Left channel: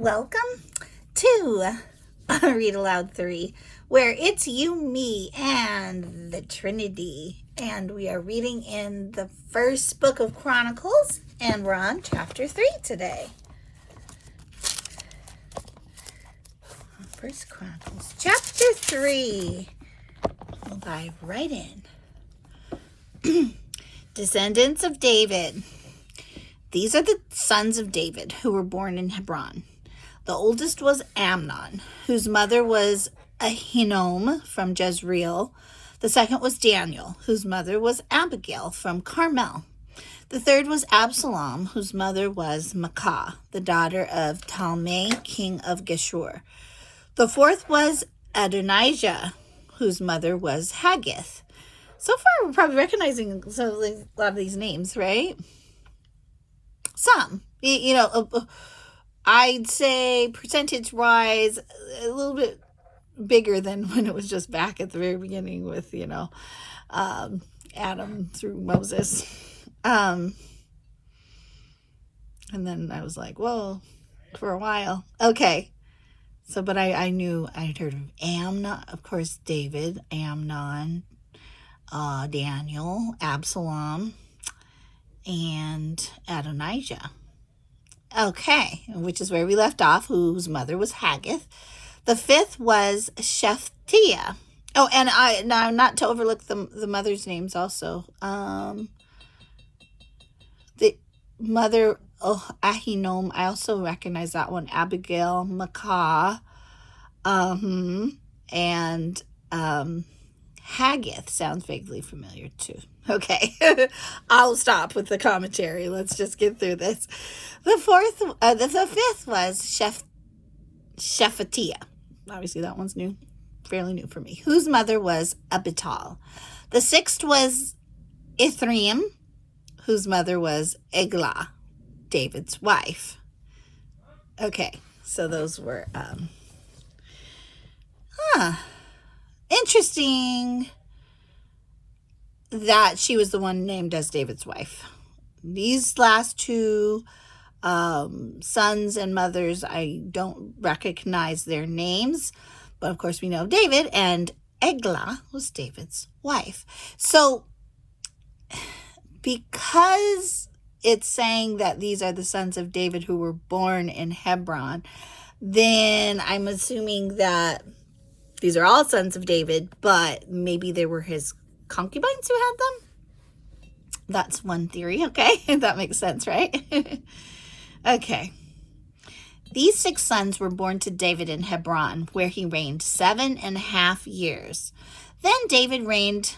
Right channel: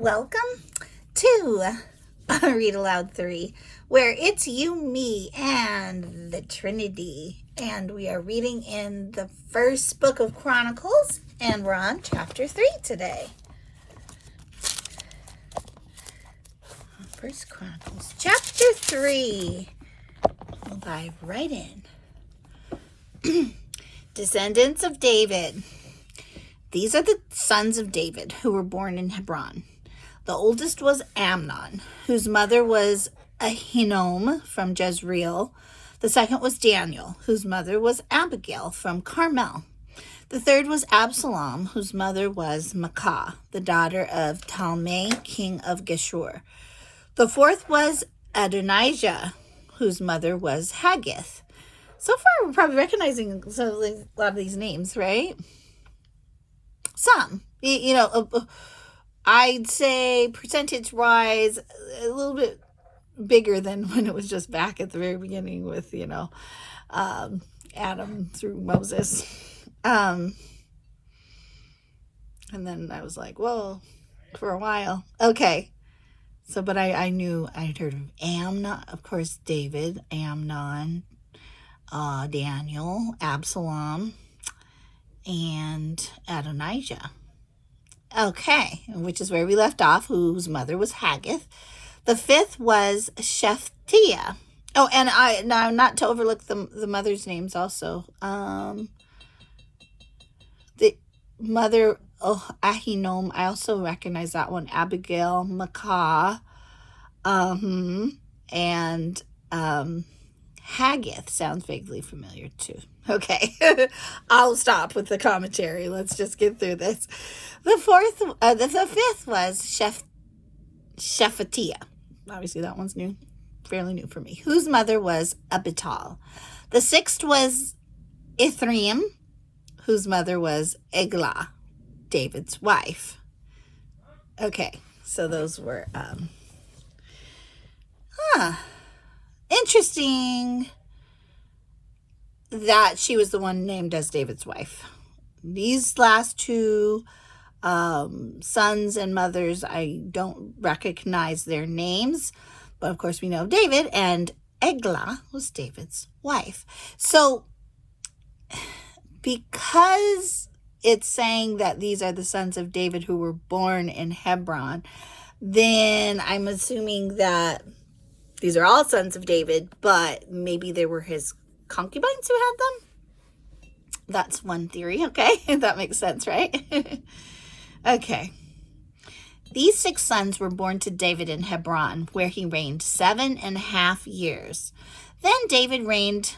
welcome to Read Aloud 3, where it's you, me, and the Trinity. And we are reading in the first book of Chronicles, and we're on chapter 3 today. First Chronicles, chapter 3. We'll dive right in. Descendants of David. These are the sons of David who were born in Hebron. The oldest was Amnon, whose mother was Ahinoam from Jezreel. The second was Daniel, whose mother was Abigail from Carmel. The third was Absalom, whose mother was Maacah, the daughter of Talmai, king of Geshur. The fourth was Adonijah, whose mother was Haggith. So far, we're probably recognizing a lot of these names, right? Some, I'd say percentage-wise, a little bit bigger than when it was just back at the very beginning with, Adam through Moses. And then I was like, whoa, for a while. Okay. So, but I knew, I'd heard of Amnon, of course, David, Amnon, Daniel, Absalom, and Adonijah. Okay, which is where we left off, whose mother was Haggith. The fifth was Shephatiah. Oh, and now not to overlook the mother's names also. The mother, Ahinoam, I also recognize that one. Abigail, Maacah, and Haggith sounds vaguely familiar too. Okay, I'll stop with the commentary. Let's just get through this. The fifth was Shephatiah. Obviously, that one's new, fairly new for me. Whose mother was Abital. The sixth was Ithream, whose mother was Eglah, David's wife. Okay, so those were interesting that she was the one named as David's wife. These last two sons and mothers, I don't recognize their names, but of course we know David, and Eglah was David's wife. So because it's saying that these are the sons of David who were born in Hebron, then I'm assuming that these are all sons of David, but maybe they were his concubines who had them. That's one theory, okay? That makes sense, right? Okay. These 6 sons were born to David in Hebron, where he reigned 7.5 years. Then David reigned,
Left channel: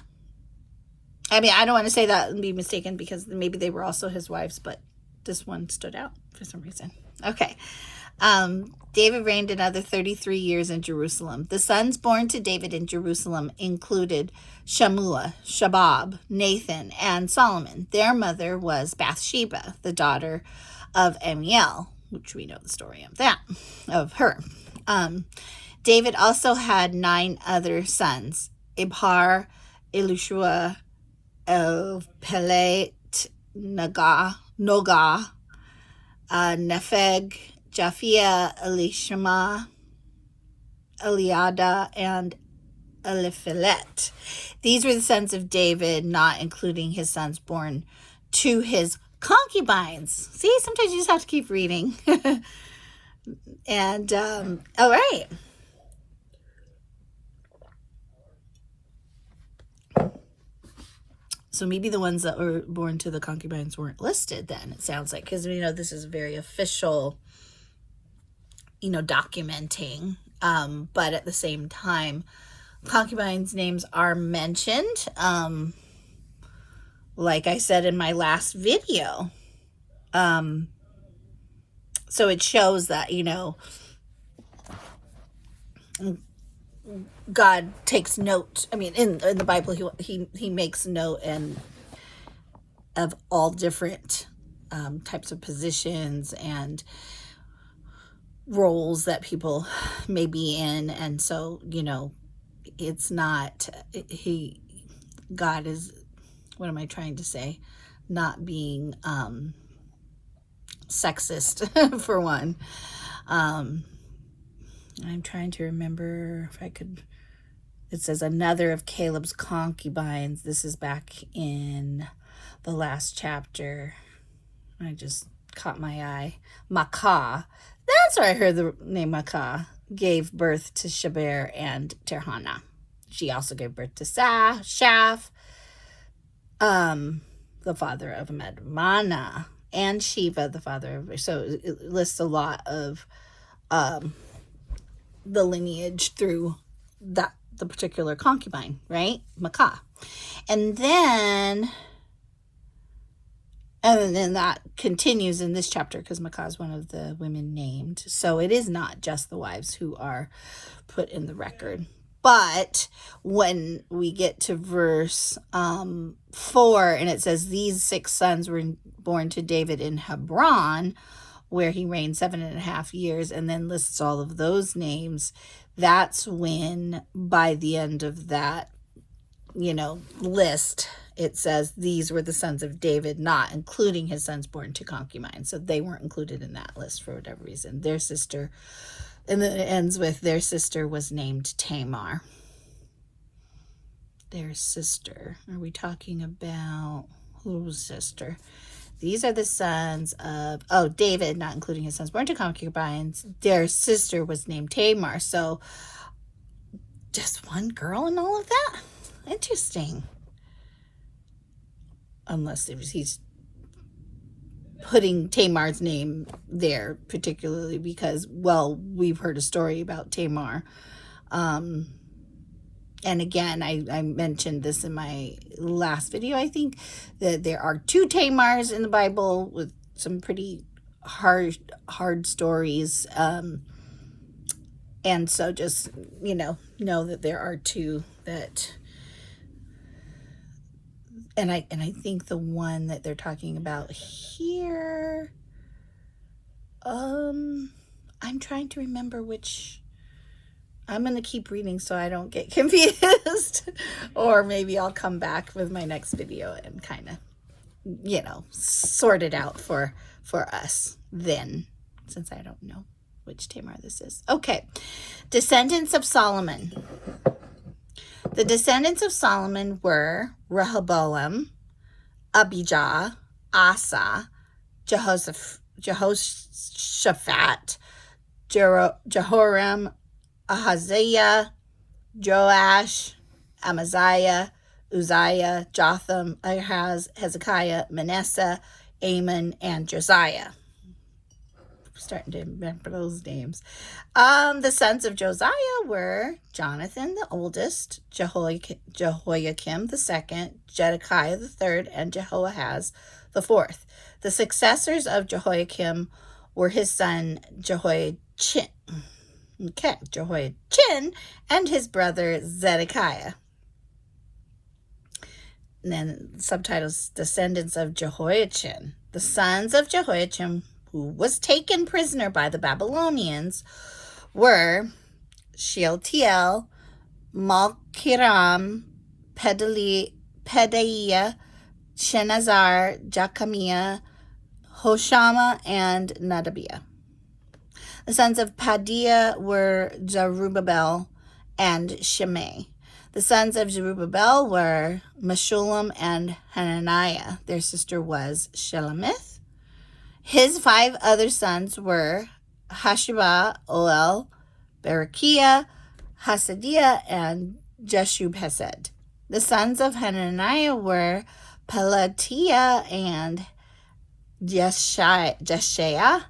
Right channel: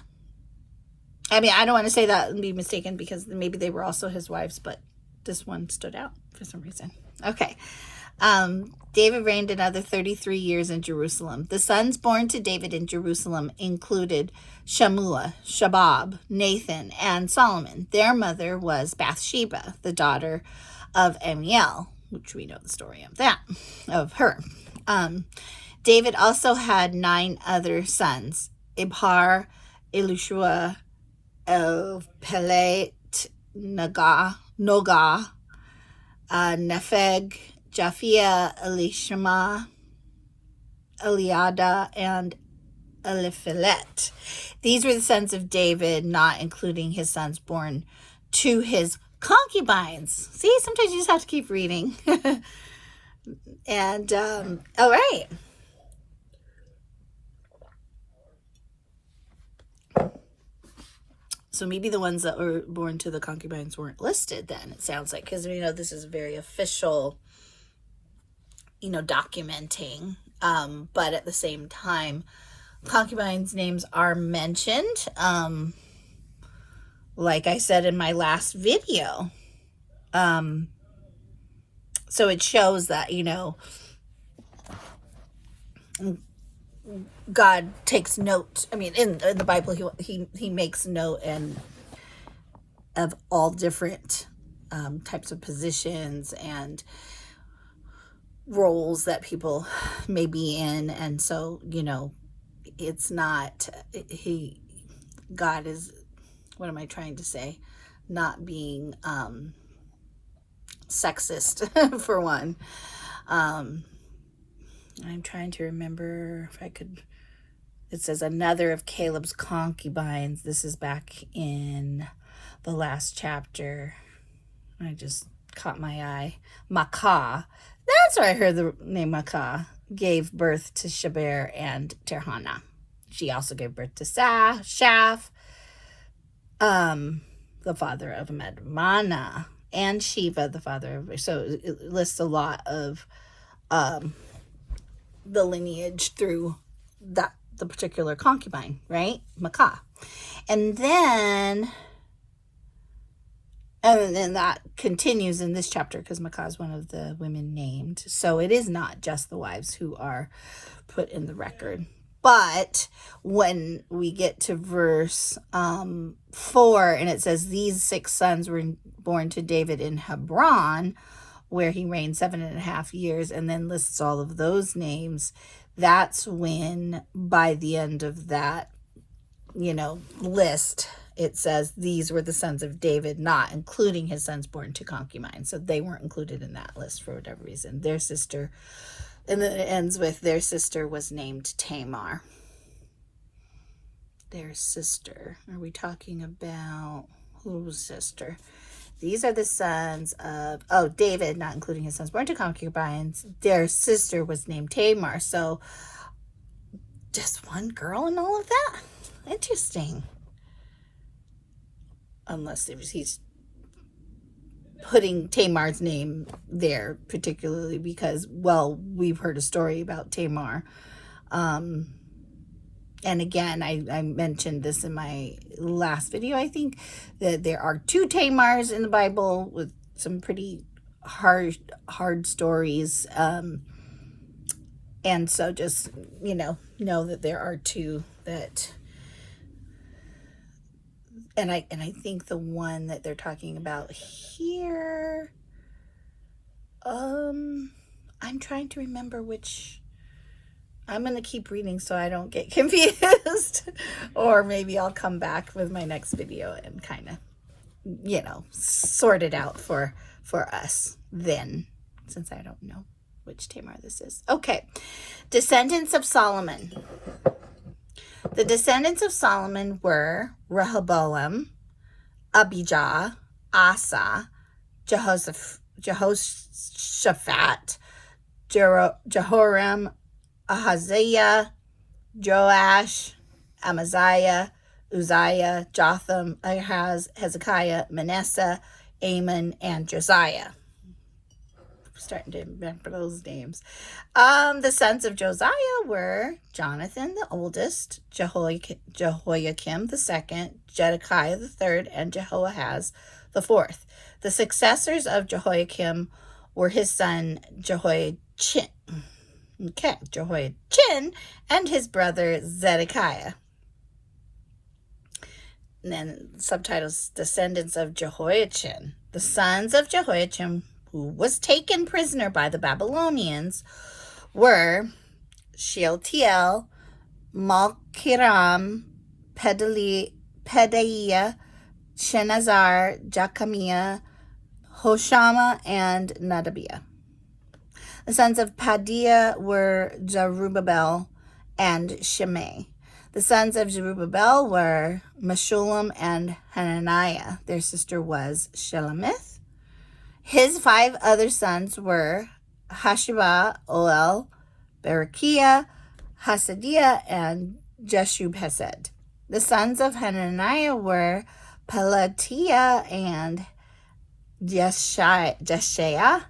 I don't want to say that and be mistaken, because maybe they were also his wives, but this one stood out for some reason. Okay. David reigned another 33 years in Jerusalem. The sons born to David in Jerusalem included Shammua, Shabab, Nathan, and Solomon. Their mother was Bathsheba, the daughter of Amiel, which we know the story of her. David also had 9 other sons: Ibhar, Elishua, Pelet, Nogah, Nepheg, Japhia, Elishama, Eliada, and Eliphelet. These were the sons of David, not including his sons born to his concubines. See, sometimes you just have to keep reading. And, all right. So maybe the ones that were born to the concubines weren't listed then, it sounds like, because we know this is very official, documenting. But at the same time, concubines' names are mentioned. Like I said in my last video. So it shows that, God takes note. In the Bible, he makes note of all different types of positions and roles that people may be in. And so, it's not, God is, what am I trying to say? Not being sexist, for one. I'm trying to remember if I could. It says another of Caleb's concubines. This is back in the last chapter. I just caught my eye. Makah. That's where I heard the name Makah. Gave birth to Shaber and Tirhana. She also gave birth to Shaph, the father of Madmana, and Shiva, the father of. So it lists a lot of the lineage through the particular concubine, right? Makah. And then that continues in this chapter because Makah is one of the women named. So it is not just the wives who are put in the record. But when we get to verse 4, and it says, these 6 sons were born to David in Hebron, where he reigned 7.5 years, and then lists all of those names, that's when, by the end of that, list, it says these were the sons of David, not including his sons born to concubines. So they weren't included in that list for whatever reason. Their sister, and then it ends with their sister was named Tamar. Their sister. Are we talking about whose sister? These are the sons of, David, not including his sons born to concubines. Their sister was named Tamar. So just one girl and all of that? Interesting. Unless he's putting Tamar's name there particularly because, well, we've heard a story about Tamar. And again, I mentioned this in my last video, I think, that there are 2 Tamars in the Bible with some pretty hard stories. And so just, know that there are 2 that... And I think the one that they're talking about here, I'm trying to remember which. I'm going to keep reading so I don't get confused. Or maybe I'll come back with my next video and kind of, sort it out for us then, since I don't know which Tamar this is. Okay. Descendants of Solomon. The descendants of Solomon were Rehoboam, Abijah, Asa, Jehoshaphat, Jehoram, Ahaziah, Joash, Amaziah, Uzziah, Jotham, Ahaz, Hezekiah, Manasseh, Amon, and Josiah. I'm starting to remember those names. The sons of Josiah were Jonathan, the oldest, Jehoiakim the second, Zedekiah the third, and Jehoahaz the fourth. The successors of Jehoiakim were his son Jehoiachin, and his brother Zedekiah. And then subtitles, descendants of Jehoiachin. The sons of Jehoiachin, who was taken prisoner by the Babylonians, were Shealtiel, Malkiram, Pedaiah, Shenazar, Jachamiah, Hoshama, and Nadabiah. The sons of Padiah were Zerubbabel and Shimei. The sons of Zerubbabel were Meshullam and Hananiah. Their sister was Shelemith. His 5 other sons were Hashubah, Olel, Berechiah, Hasadiah, and Jeshub-Hesed. The sons of Hananiah were Pelatiah and Jeshaiah.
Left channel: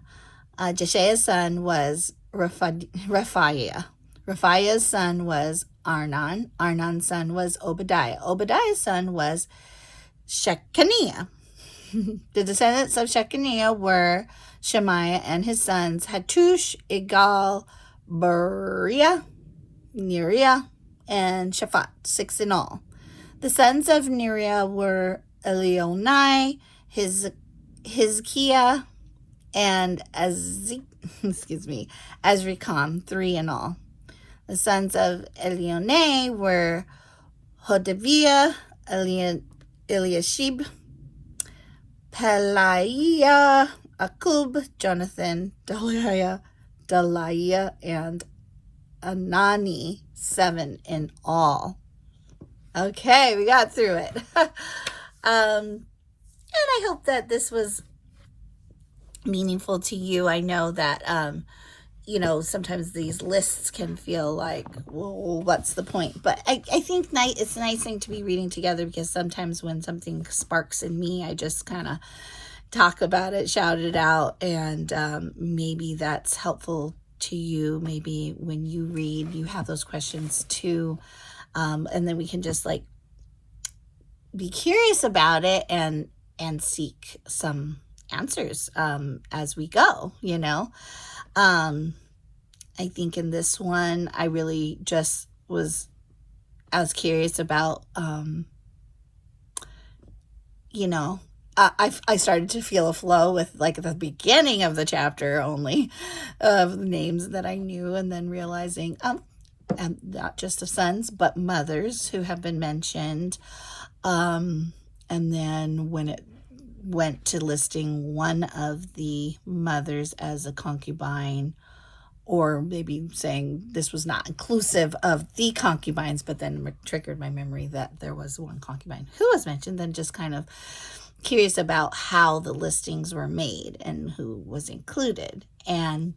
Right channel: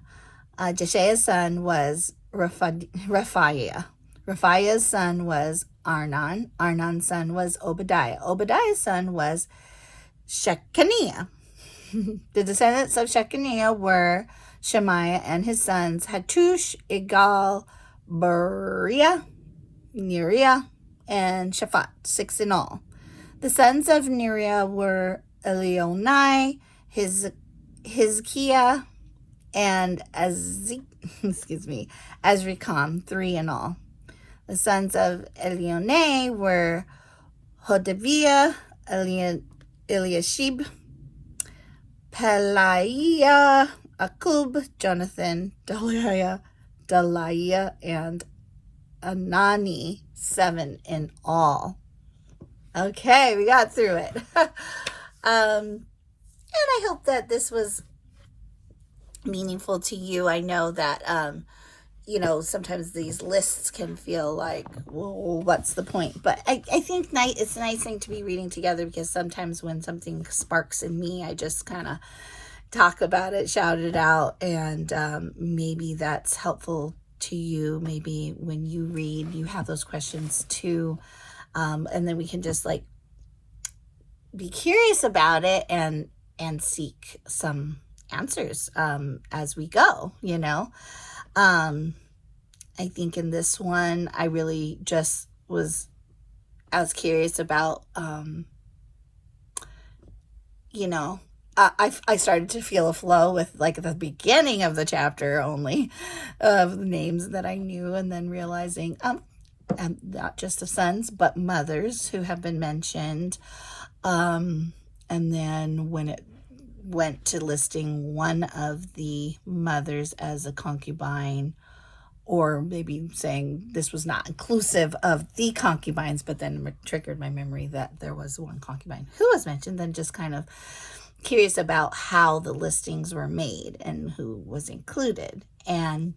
Jeshaiah's son was Raphiah. Raphiah's son was Arnon. Arnon's son was Obadiah. Obadiah's son was Shechaniah. The descendants of Shechaniah were Shemaiah and his sons Hattush, Igal, Beriah, Neriah, and Shaphat, 6 in all. The sons of Neriah were Elionai, Hizkiah, and Azrikam, 3 in all. The sons of Elionai were Hodaviah, Eliashib, Pelaiah, Akub, Jonathan, Deliah, Delaiah, and Anani, 7 in all. Okay, we got through it. And I hope that this was meaningful to you. I know that, sometimes these lists can feel like, whoa, what's the point? But I think it's a nice thing to be reading together, because sometimes when something sparks in me, I just kind of talk about it, shout it out, and maybe that's helpful to you. Maybe when you read, you have those questions too, and then we can just like be curious about it and seek some answers as we go. I think in this one, I really just was curious about, I started to feel a flow with like the beginning of the chapter only of the names that I knew, and then realizing, and not just of sons, but mothers who have been mentioned. And then when it went to listing one of the mothers as a concubine, or maybe saying this was not inclusive of the concubines, but then triggered my memory that there was one concubine who was mentioned, then just kind of curious about how the listings were made and who was included. And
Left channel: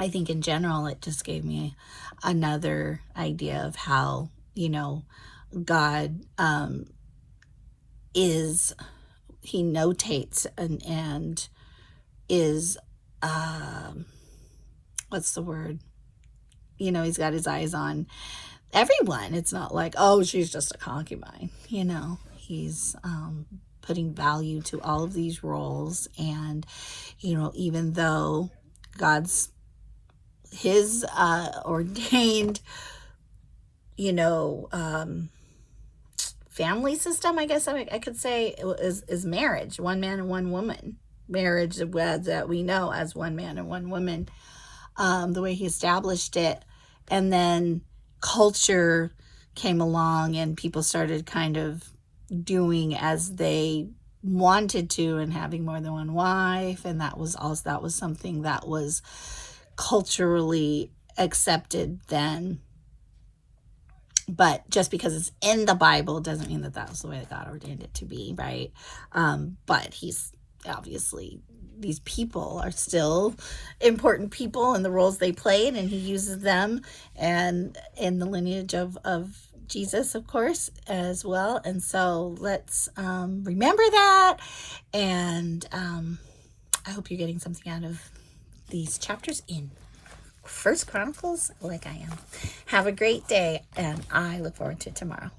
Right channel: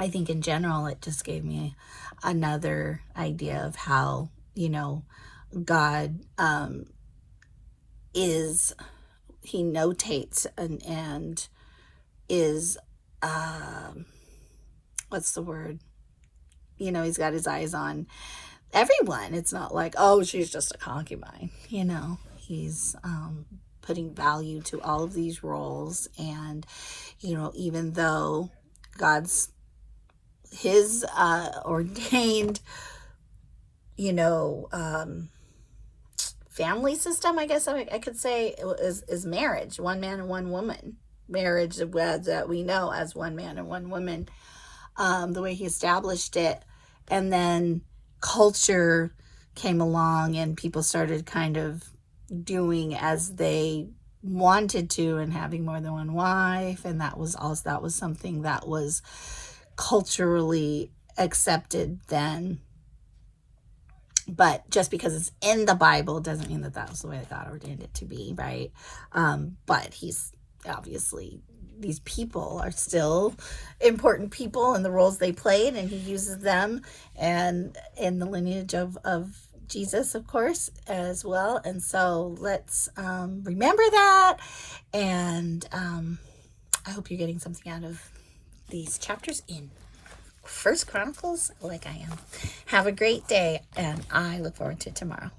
I think in general, it just gave me another idea of how, God he notates and is, what's the word? He's got his eyes on everyone. It's not like, oh, she's just a concubine. He's putting value to all of these roles. And, even though his ordained, family system, I guess I could say, is marriage, one man and one woman. Marriage that we know as one man and one woman. The way he established it, and then culture came along and people started kind of doing as they wanted to and having more than one wife, and that was something that was culturally accepted then. But just because it's in the Bible doesn't mean that was the way that God ordained it to be, right? But he's obviously, these people are still important people in the roles they played, and he uses them, and in the lineage of Jesus, of course, as well. And so let's remember that, and I hope you're getting something out of these chapters in First Chronicles like I am. Have a great day, and I look forward to tomorrow.